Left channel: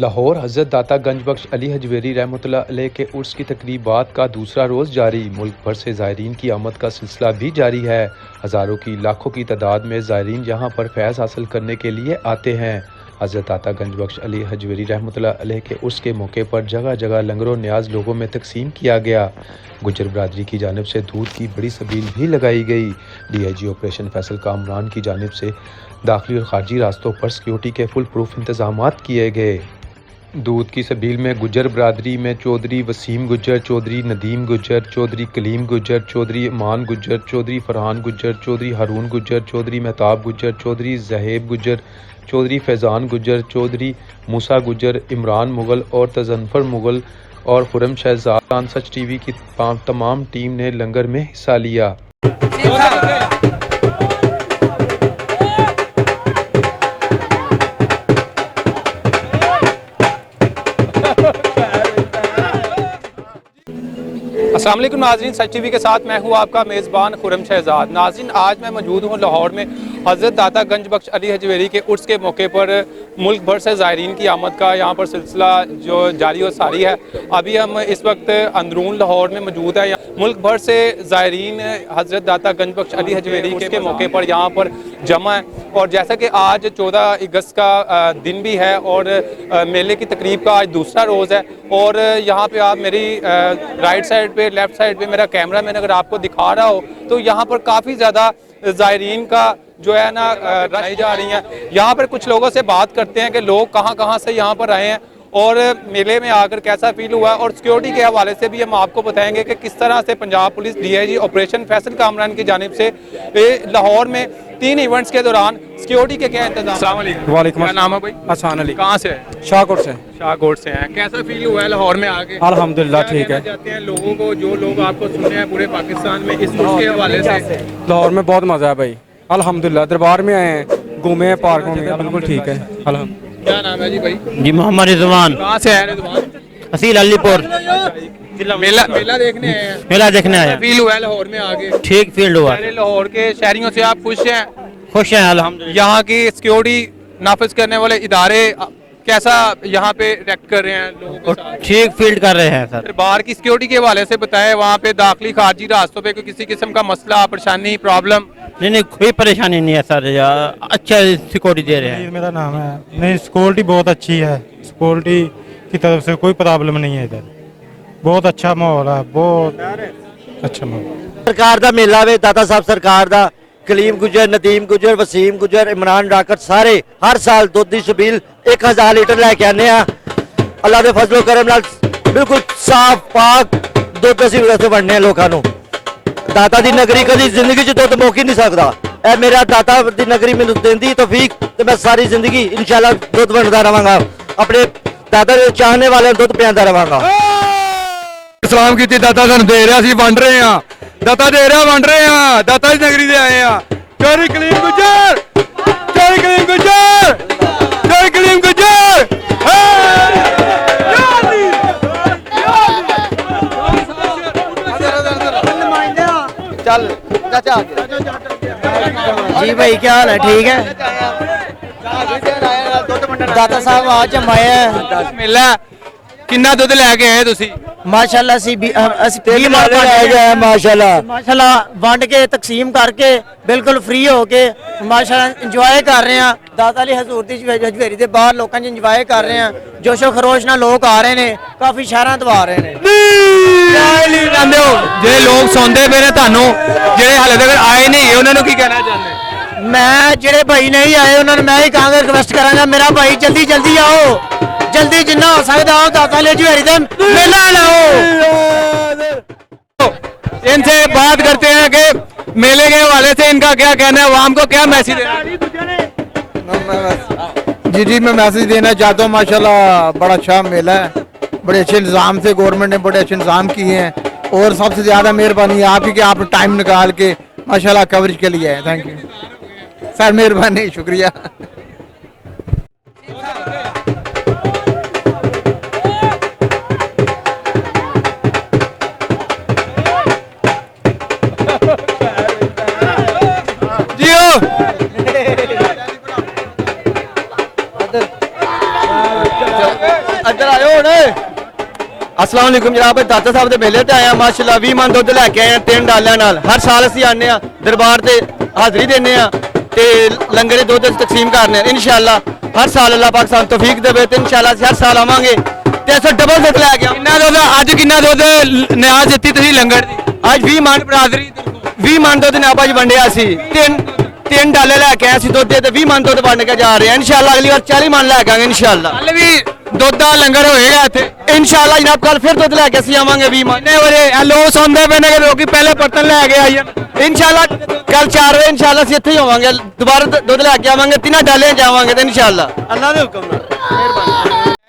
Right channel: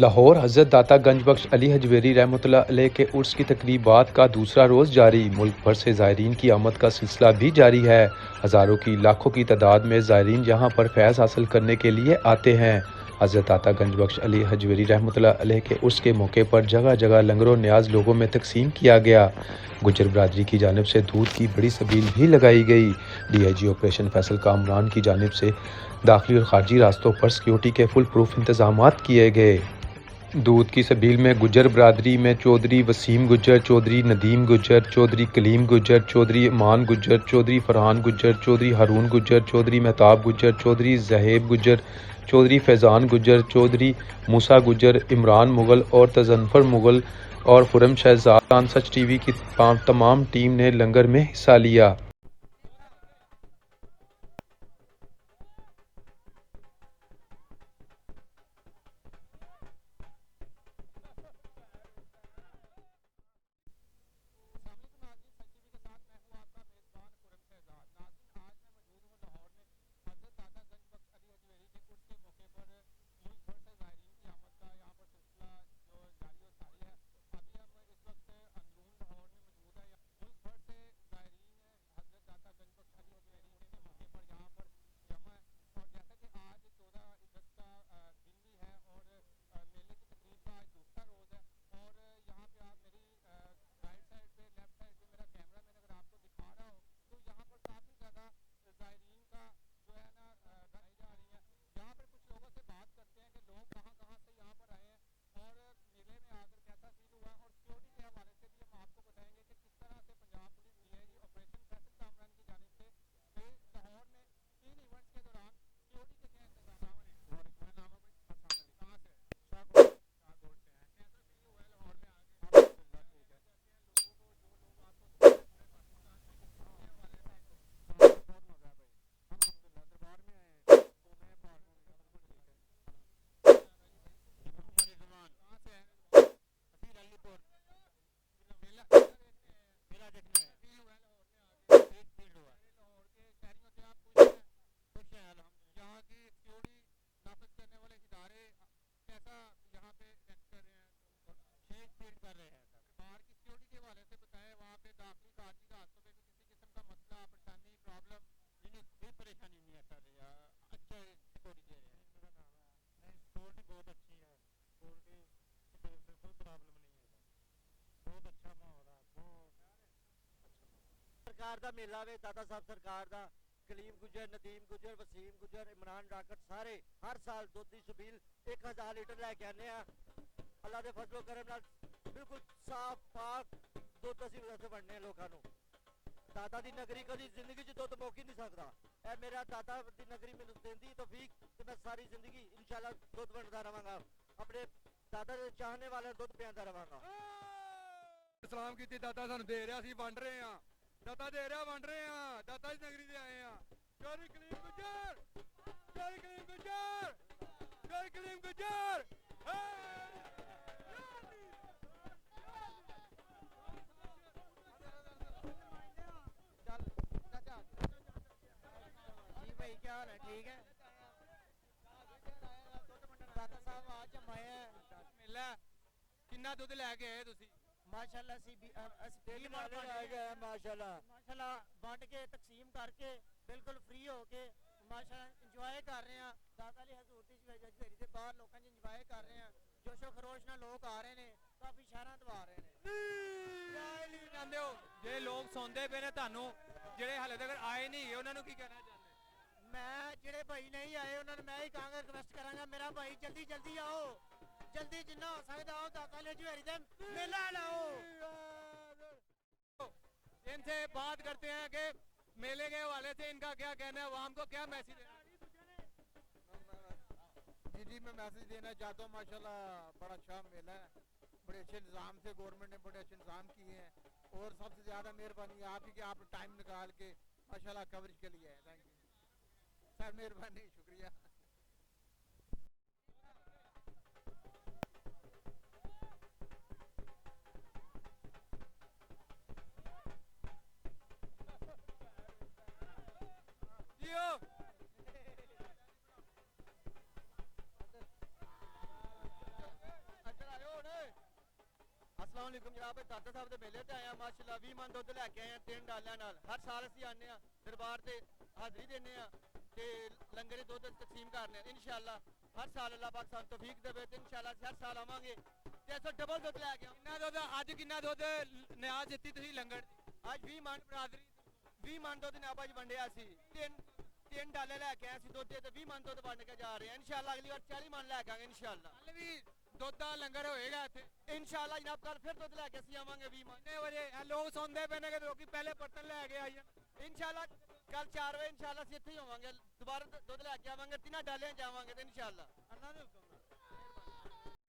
लाहौर हज़रत दाता गंज बख्श अली हजवेरी रहमतुल्लाह अलैह के उर्स की तकरीबात का दूसरा रोज़ जारी। मुल्क भर से ज़ायरीन की आमद का सिलसिला भी जारी है। हज़ारों की लाखों की तादाद में ज़ायरीन यहाँ पर फैज़ हासिल करने के लिए आते हैं। हज़रत दाता गंज बख्श अली हजवेरी रहमतुल्लाह अलैह के उर्स के मौके पर जगह जगह लंगर न्याज लोगों में तकसीम किया गया। गुजर बरादरी की जानिब से दूध की बड़ी सबील भी लगाई गई। DIG ऑपरेशन फैसल कामरान की जानिब से दाखिली और खारजी रास्तों पर सिक्योरिटी के फुल प्रूफ इंतजामात किए गए। दूध की सबील में गुजर बरादरी में चौधरी वसीम गुजर, चौधरी नदीम गुजर, चौधरी कलीम गुजर, चौधरी अमान गुजर, चौधरी फरहान गुजर, चौधरी हारून गुजर, चौधरी महताब गुजर, चौधरी जहेब गुजर, चौधरी फैज़ान गुजर, चौधरी मूसा गुजर, इमरान मुगल और तजनफर मुगल और खुरम शहजाद सच TV की तमाम टीम ने लंगर में हिस्सा लिया। अस्सलाम वालेकुम नाज़रीन, सच TV के साथ मैं हूँ आपका मेज़बान खुरम शहजाद। नाज़रीन, आज मैं मौजूद हूँ लाहौर में हज़रत दाता गंज बख्श अली हजवेरी के उर्स के मौके पर। मुल्क भर से ज़ायरीन की आमद का यहाँ पर सिलसिला जो जारी और सारी है। अभी हम इस वक्त अंदरून लाहौर में मौजूद है। मुल्क भर से ज़ायरीन हज़रत दाता गंज बख्श अली हजवेरी के मौके पर यहाँ पर जमा है। और जैसा कि आज 14 अगस्त का दिन भी है और मेले की तकरीब का आज दूसरा रोज़ है। और यहाँ पे आप मेरी राइट साइड पे, लेफ्ट साइड पे मेरा कैमरा मैंने अगर आपको दिखा रहा हो तो यहाँ पर काफ़ी ज़्यादा ज़ायरीन का जो है ना रश जा रही हैं। यहाँ पर कुछ लोगों से बात करते हैं कि लोग कहाँ कहाँ से यहाँ पर आए हैं और मेले में आकर कैसा फील हुआ। और सिक्योरिटी के हवाले से भी हम आपको बताएंगे कि किस तरह से Punjab police DIG operation Faisal Kamran की जानिब से लाहौर में 3 इवेंट्स के दौरान सिक्योरिटी के क्या इंतजाम। वालेकुम, क्या नाम है भाई? हसन अली। कहाँ से है? शाहकोट से। शाहकोट से हैं। कैसा फील हुआ है लाहौर में आके? अल्हम्दुलिल्लाह ठीक है। जाते हैं लोगों को, जो लोग आपको सुने हैं पूरे पाकिस्तान में इस के हवाले से? लाहौर में बहुत मजा है भाई, अल्हम्दुलिल्लाह। दरबार में आए हैं, घूमे हैं, पार्कों में, बिल्कुल ठीक है। क्या नाम है जी भाई? जी मोहम्मद रिजवान। कहाँ से है रिजवान? असील अलीपुर। मेला देखने आए हैं। मेला देखने आया। फील हुआ है लाहौर में आगे? ठीक फील्ड हुआ। लाहौर के शहरियों से आप खुश हैं? खुश हैं अल्हम्दुलिल्लाह। यहाँ की सिक्योरिटी नाफिज करने वाले इदारे कैसा यहाँ पे रिएक्ट कर रहे हैं लोगों के साथ? ठीक फील्ड कर रहे हैं सर। बाहर की सिक्योरिटी के हवाले से बताएं, वहाँ पे दाखिली खारजी रास्तों पे कोई किसी किस्म का मसला, परेशानी, प्रॉब्लम? नहीं, कोई परेशानी नहीं है सर, अच्छा सिक्योरिटी दे रहे हैं। मेरा नाम है। नहीं, सिक्योरिटी बहुत अच्छी है, सिक्योरिटी की तरफ से कोई प्रॉब्लम नहीं है। इधर बहुत अच्छा माहौल है, बहुत अच्छा माहौल। सरकार दा मेला वे, दाता साहब सरकार दा, कलीम गुजर, नदीम गुजर, वसीम गुजर, इमरान राकत सारे हर साल दुध दी छबील 1000 लीटर लैके आने। अल्लाह दे फजलो करम नाल बिल्कुल साफ पाक दुध असीं उस वंडने लोगों को। दाता दी नगरी कभी जिंदगी च दुध मुक ही नहीं सकता। ए मेरा दाता दी नगरी मैनूं देंदी तौफीक ते मैं सारी जिंदगी इंशाल्लाह दुध वंडदा रहांगा, अपने दाता दे चाहने वाले दुध पियांदा रहांगा। सलाम की दाता सानू दे रहा, असीं वंड रहे हैं। दाता दे रहा, वंड रहे हैं। दाता दी नगरी दे आए हैं। चौधरी कलीम गुजर, चौधरी कलीम गुजर, चौधरी कलीम गुजर। चल चाचा जी भाई, क्या हाल है? ठीक है। दाता साहब आज जमाया मेला किन्ना दुध लैके आए तुसी? माशाल्लाह माशाल्लाह वंड के तकसीम करके बिल्कुल फ्री हो के माशाल्लाह इंजॉय कर रहे हैं। दाता अली हजूर दी हजवेरी दे बाहर लोगों इंजॉय कर रहे हैं। जोशो खरोश नाल लोग आ रहे हैं, काफी शहर तो आ रहे हैं। जे लोग सौंदे पे ने तानू जेड़े हाले तक आए नहीं उन्हां नू की कहना चाहते? मैं जेड़े भाई नहीं आए उन्होंने मैं ही कहांगा, रिक्वेस्ट करांगा मेरा भाई जल्दी जल्दी आओ, जल्दी जिन्ना हो सकता हो दाता अली हजवेरी दे मेला लाओ। इनसे बात करते हैं कि मेले के हवाले से इनका क्या कहना है, आवाम को क्या मैसेज देना? जी मैं मैसेज देना चाहता हूँ। माशाल्लाह बड़ा अच्छा मेला है, बड़े अच्छे इंतजाम से गवर्नमेंट ने बड़े अच्छे इंतजाम किए हैं। और सबसे ज़्यादा मेहरबानी है आपकी कि आपने टाइम निकाल के माशाल्लाह कवरेज के लिए है। थैंक यू सर, मेहरबानी, शुक्रिया। जियो ਅਸਲਾਮ ਵਾਲੇਕੁਮ ਜਨਾਬ, ਦਾਤਾ ਸਾਹਿਬ ਦੇ ਮੇਲੇ ਤੇ ਆਇਆ ਮਾਸ਼ਾਅੱਲਾ 20 ਮਣ ਦੁੱਧ ਲੈ ਕੇ ਆਏ ਆ 3 ਡਾਲਿਆਂ ਨਾਲ। ਹਰ ਸਾਲ ਅਸੀਂ ਆਉਂਦੇ ਆ ਦਰਬਾਰ ਤੇ ਹਾਜ਼ਰੀ ਦਿੰਦੇ ਆ ਤੇ ਲੰਗਰ ਦੇ ਦੁੱਧ ਅਸੀਂ ਤਕਸੀਮ ਕਰਨੇ ਆ ਇਨਸ਼ਾਅੱਲਾ। ਹਰ ਸਾਲ ਅੱਲਾਹ ਪਾਕ ਸਾਨੂੰ ਤੌਫੀਕ ਦੇਵੇ ਤੇ ਇਨਸ਼ਾਅੱਲਾ ਅਸੀਂ ਹਰ ਸਾਲ ਆਵਾਂਗੇ ਤੇ ਅਸੀਂ ਡਬਲ ਦੁੱਧ ਲੈ ਕੇ ਆਵਾਂਗੇ। ਕਿੰਨਾ ਦੁੱਧ ਅੱਜ ਕਿੰਨਾ ਦੁੱਧ ਨਿਆਜ਼ ਦਿੱਤੀ ਤੁਸੀਂ ਲੰਗਰ ਦੀ? ਅੱਜ 20 ਮਣ ਬਰਾਦਰੀ 20 ਮਣ ਦੁੱਧ ਨੇ ਅੱਜ ਵੰਡਿਆ ਸੀ। ਤਿੰਨ ਡਾਲੇ ਲੈ ਕੇ ਆਏ ਸੀ ਦੁੱਧ ਦੇ ਤੇ 20 ਮਣ ਦੁੱਧ ਵੰਡ ਕੇ ਜਾ ਰਹੇ ਆ ਇਨਸ਼ਾਅੱਲਾ। ਅਗਲੀ ਵਾਰ 40 ਮਣ ਲੈ ਕੇ ਆਵਾਂਗੇ ਇਨਸ਼ਾਅੱਲਾ। ਕੱਲ ਵੀ ਦੁੱਧ ਦਾ ਲੰਗਰ ਹੋਏਗਾ ਇੱਥੇ ਇਨਸ਼ਾਅੱਲਾ ਜਨਾਬ, ਕੱਲ ਫਿਰ ਦੁੱਧ ਲੈ ਕੇ ਅਸੀਂ ਆਵਾਂਗੇ 20 ਮਣ। ਕਿੰਨੇ ਵਜੇ ਲੋਕ ਸੌਂਦੇ ਪਏ ਨੇ ਕਿ ਲੋਕੀ ਪਹਿਲੇ ਬਰਤਨ ਲੈ ਕੇ ਆਈ ਜਾਣ? ਇਨਸ਼ਾਅੱਲਾ ਕੱਲ 4 ਵਜੇ ਇਨਸ਼ਾਅੱਲਾ ਅਸੀਂ ਇੱਥੇ ਹੀ ਹੋਵਾਂਗੇ, ਦੁਬਾਰਾ ਦੁੱਧ ਲੈ ਕੇ ਆਵਾਂਗੇ, ਤਿੰਨਾਂ ਡਾਲਿਆਂ ਜਾਵਾਂਗੇ ਤੇ ਇਨਸ਼ਾਅੱਲਾ ਅੱਲਾਹ ਦੇ ਹੁਕਮ ਨਾਲ।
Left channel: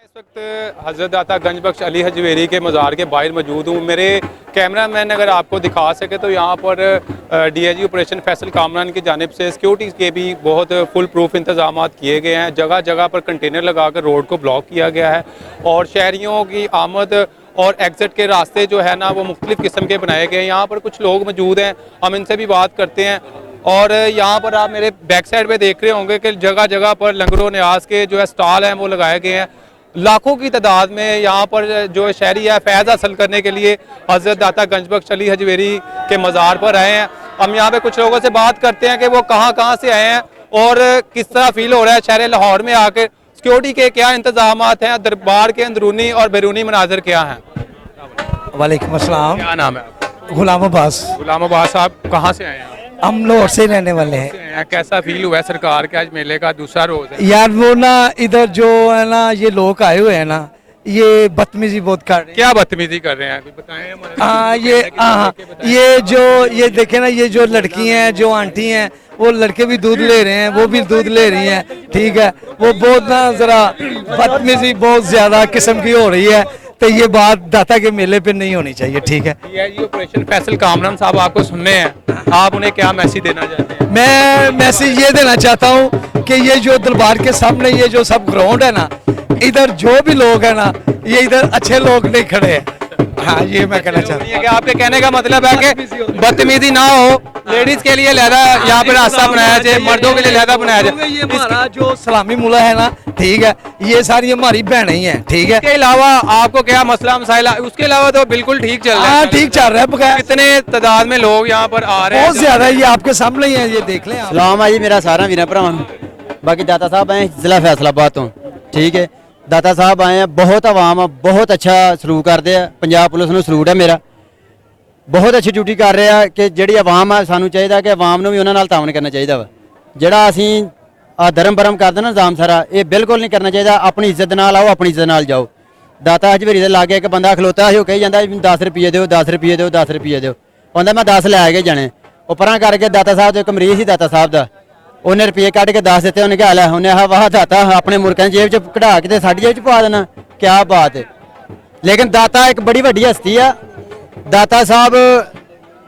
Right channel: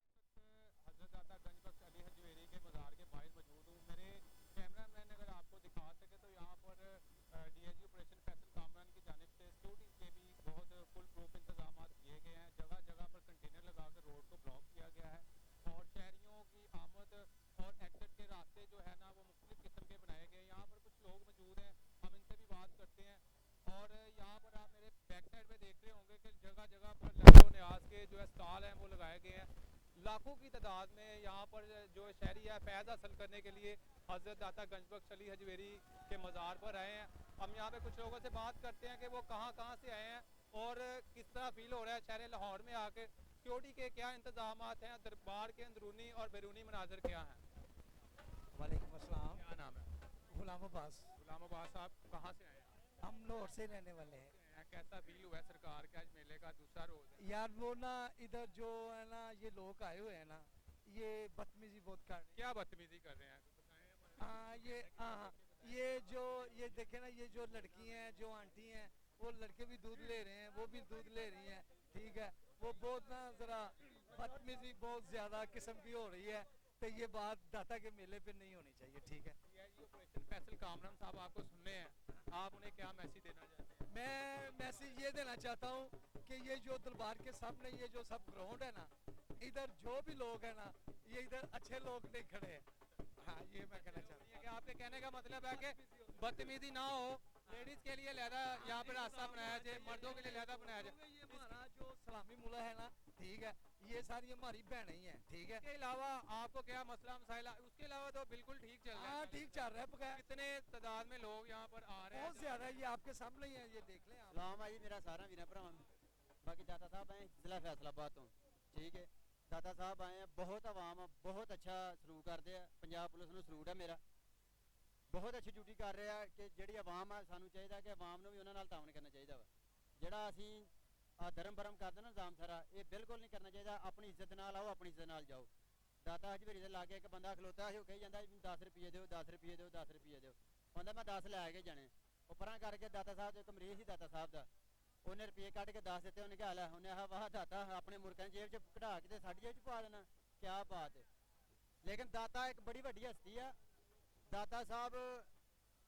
इस वक्त हज़रत दाता गंज बख्श अली हजवेरी के मज़ार के बाहर मौजूद हूँ। मेरे कैमरा मैन अगर आपको दिखा सके तो यहाँ पर DIG ऑपरेशन फैसल कामरान की जानिब से सिक्योरिटी के भी बहुत फुल प्रूफ इंतजाम किए गए हैं। जगह जगह पर कंटेनर लगाकर रोड को ब्लॉक किया गया है और शहरियों की आमद और एग्ज़िट के रास्ते जो है ना वो मुख्तलिफ़ किस्म के बनाए गए हैं। यहाँ पर कुछ लोग मौजूद हैं, हम इनसे भी बात करते हैं। और यहाँ पर आप मेरे बैक साइड पे देख रहे होंगे कि जगह जगह पर लंगरों न्याज के जो है स्टॉल हैं वो लगाए गए हैं। लाखों की तादाद में यहाँ पर जो शहरी है फैज़ हासिल करने के लिए हज़रत दाता गंज बख्श अली हजवेरी के मज़ार पर आए हैं। हम यहाँ पे कुछ लोगों से बात करते हैं कि वो कहाँ से आए हैं और किस तरह फील हो रहा है शहर लाहौर में आकर, सिक्योरिटी के क्या इंतजाम हैं, दरबार के अंदरूनी और बैरूनी मनाजर क्या हैं। वालेकुम अस्सलाम। क्या नाम है आपका? गुलाम अब्बास। गुलाम अब्बास साहब कहाँ से आए हैं? हम लाहौर से रहने वाले हैं। कैसा फील हुआ है सरकार के आज मेले का दूसरा रोज है? यार वो ना इधर जो है ना ये लोग आए हुए हैं ना ये बदतमीजी बहुत कर रहे हैं। क्या बदतमीजी कर रहे हैं बताएं हमारे। ये देखे ना ये जो लड़की हैं जो आंटी हैं वो लड़के भी दूध ले रहे हैं, वो भी दूध ले रही हैं, ठीक है। वो बहुत ना जरा बदतमीजी बहुत ज्यादा किस्म की हो रही है तो ये बात दाता के मेले पे नहीं होनी चाहिए, ठीक है। DIG ऑपरेशन फैसल कामरान साहब आपको सुनने हैं, आप उन्हें क्या मैसेज देना चाहते हैं? मैं मैसेज ये देना चाहता हूँ कि ये जो दरबार के सामने ये जो सब ग्राउंड है ना, इधर जो भी लोग हैं ना ये इधर अच्छे लोग नहीं खड़े हैं। हाँ ये मैं कहना चाहता हूँ। कि आपके कहने का मतलब है कि बदतमीजी ना हो, लेडीज के लिए लहदा यहाँ पे रास्ता बनाया जाए, मर्दों के लिए लहदा बनाया जाए। ये हमारा जो सलामी मुला है ना, ठीक है, ये सारी हमारी बहनें ही हैं, ठीक है। इसके अलावा आपको क्या मसला मसाइला? उसके अलावा तो बिल्कुल ठीक चल रहा है। हाँ ठीक चल रहा है बगैर कितने तादाद में लोग यहाँ पर आ रहे हैं? बहुत ज्यादा ये आपके सामने ही है, ये देख लें आप। ਸਲਾਮ ਆ ਜੀ ਮੇਰਾ ਸਾਰਾ ਵੀਰਾਂ ਭਰਾਵਾਂ ਨੂੰ। ਬਾਕੀ ਦਾਤਾ ਸਾਹਿਬ ਆਏ ਜ਼ਿਲ੍ਹਾ ਫੈਸਲਾਬਾਦ ਤੋਂ, ਠੀਕ ਹੈ। ਦਾਤਾ ਸਾਹਿਬ ਆਏ ਆ, ਬਹੁਤ ਆਵਾਮ ਆ, ਬਹੁਤ ਅੱਛਾ ਸਲੂਕ ਕਰਦੇ ਆ। ਪੰਜਾਬ ਪੁਲਿਸ ਨੂੰ ਸਲੂਟ ਹੈ ਮੇਰਾ, ਬਹੁਤ ਅੱਛੀ ਡਿਊਟੀ ਕਰ ਰਹੇ ਆ ਕਿ ਜਿਹੜੀ ਆਵਾਮ ਆ ਸਾਨੂੰ ਚਾਹੀਦਾ ਕਿ ਆਵਾਮ ਨੂੰ ਵੀ ਉਹਨਾਂ ਨਾਲ ਤਾਵਨ ਕਰਨਾ ਚਾਹੀਦਾ ਵਾ। ਜਿਹੜਾ ਅਸੀਂ ਆ ਧਰਮ ਬਰਮ ਕਰਦੇ ਨਾ ਨਿਜ਼ਾਮ ਸਾਰਾ ਇਹ ਬਿਲਕੁਲ ਨਹੀਂ ਕਰਨਾ ਚਾਹੀਦਾ। ਆਪਣੀ ਇੱਜ਼ਤ ਨਾਲ ਆਓ, ਆਪਣੀ ਇੱਜ਼ਤ ਨਾਲ ਜਾਓ। ਦਾਤਾ ਹਜਵੇਰੀ ਦੇ ਲਾਗੇ ਇੱਕ ਬੰਦਾ ਖਲੋਤਾ ਸੀ, ਉਹ ਕਹੀ ਜਾਂਦਾ 10 ਰੁਪਏ ਦਿਓ, 10 ਰੁਪਏ ਦਿਓ, 10 ਰੁਪਏ ਦਿਓ। ਕਹਿੰਦਾ ਮੈਂ 10 ਲੈ ਕੇ ਜਾਣੇ। ਉਹ ਪਰਾਂ ਕਰਕੇ ਦਾਤਾ ਸਾਹਿਬ ਦੇ ਇੱਕ ਮਰੀਜ਼ ਸੀ ਦਾਤਾ ਸਾਹਿਬ ਦਾ, ਉਹਨੇ ਰੁਪਏ ਕੱਢ ਕੇ 10 ਦਿੱਤੇ। ਉਹਨੇ ਕਿਹਾ ਲੈ, ਉਹਨੇ ਆਹ ਵਾਹ ਦਾਤਾ ਆਪਣੇ ਮੁਰਕਾਂ ਦੀ ਜੇਬ 'ਚ ਕਢਾ ਕੇ ਤੇ ਸਾਡੀ ਜੇਬ 'ਚ ਪਾ ਦੇਣਾ, ਕਿਆ ਬਾਤ ਹੈ। ਲੇਕਿਨ ਦਾਤਾ ਇੱਕ ਬੜੀ ਵੱਡੀ ਹਸਤੀ ਆ। ਦਾਤਾ ਸਾਹਿਬ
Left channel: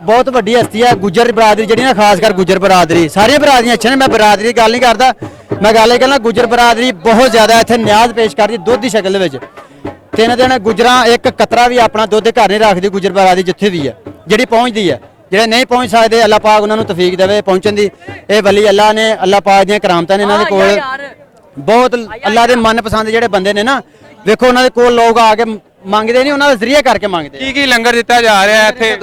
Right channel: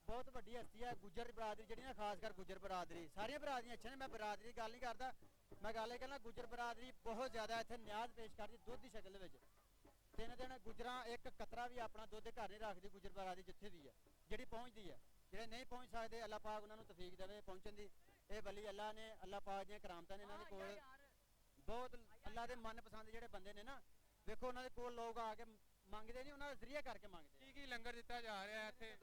ਬਹੁਤ ਵੱਡੀ ਹਸਤੀ ਆ। ਗੁੱਜਰ ਬਰਾਦਰੀ ਜਿਹੜੀ ਨਾ, ਖਾਸ ਕਰ ਗੁੱਜਰ ਬਰਾਦਰੀ, ਸਾਰੀਆਂ ਬਰਾਦਰੀਆਂ ਅੱਛੀਆਂ ਨੇ, ਮੈਂ ਬਰਾਦਰੀ ਦੀ ਗੱਲ ਨਹੀਂ ਕਰਦਾ, ਮੈਂ ਗੱਲ ਇਹ ਕਹਿੰਦਾ ਗੁੱਜਰ ਬਰਾਦਰੀ ਬਹੁਤ ਜ਼ਿਆਦਾ ਇੱਥੇ ਨਿਆਜ਼ ਪੇਸ਼ ਕਰਦੀ ਦੁੱਧ ਦੀ ਸ਼ਕਲ ਦੇ ਵਿੱਚ। 3 ਦਿਨ ਗੁੱਜਰਾਂ ਇੱਕ ਕਤਰਾ ਵੀ ਆਪਣਾ ਦੁੱਧ ਘਰ ਨਹੀਂ ਰੱਖਦੀ ਗੁੱਜਰ ਬਰਾਦਰੀ ਜਿੱਥੇ ਵੀ ਆ, ਜਿਹੜੀ ਪਹੁੰਚਦੀ ਆ। ਜਿਹੜੇ ਨਹੀਂ ਪਹੁੰਚ ਸਕਦੇ ਅੱਲਾਹ ਪਾਕ ਉਹਨਾਂ ਨੂੰ ਤੌਫੀਕ ਦੇਵੇ ਪਹੁੰਚਣ ਦੀ। ਇਹ ਵਲੀ ਅੱਲਾਹ ਨੇ, ਅੱਲਾਹ ਪਾਕ ਦੀਆਂ ਕਰਾਮਤਾਂ ਨੇ ਇਹਨਾਂ ਦੇ ਕੋਲ। ਬਹੁਤ ਅੱਲਾਹ ਦੇ ਮਨਪਸੰਦ ਜਿਹੜੇ ਬੰਦੇ ਨੇ ਨਾ, ਵੇਖੋ ਉਹਨਾਂ ਦੇ ਕੋਲ ਲੋਕ ਆ ਕੇ ਮੰਗਦੇ ਨਹੀਂ, ਉਹਨਾਂ ਦਾ ਜ਼ਰੀਆ ਕਰਕੇ ਮੰਗਦੇ। ਕੀ ਲੰਗਰ ਦਿੱਤਾ ਜਾ ਰਿਹਾ ਹੈ ਇੱਥੇ?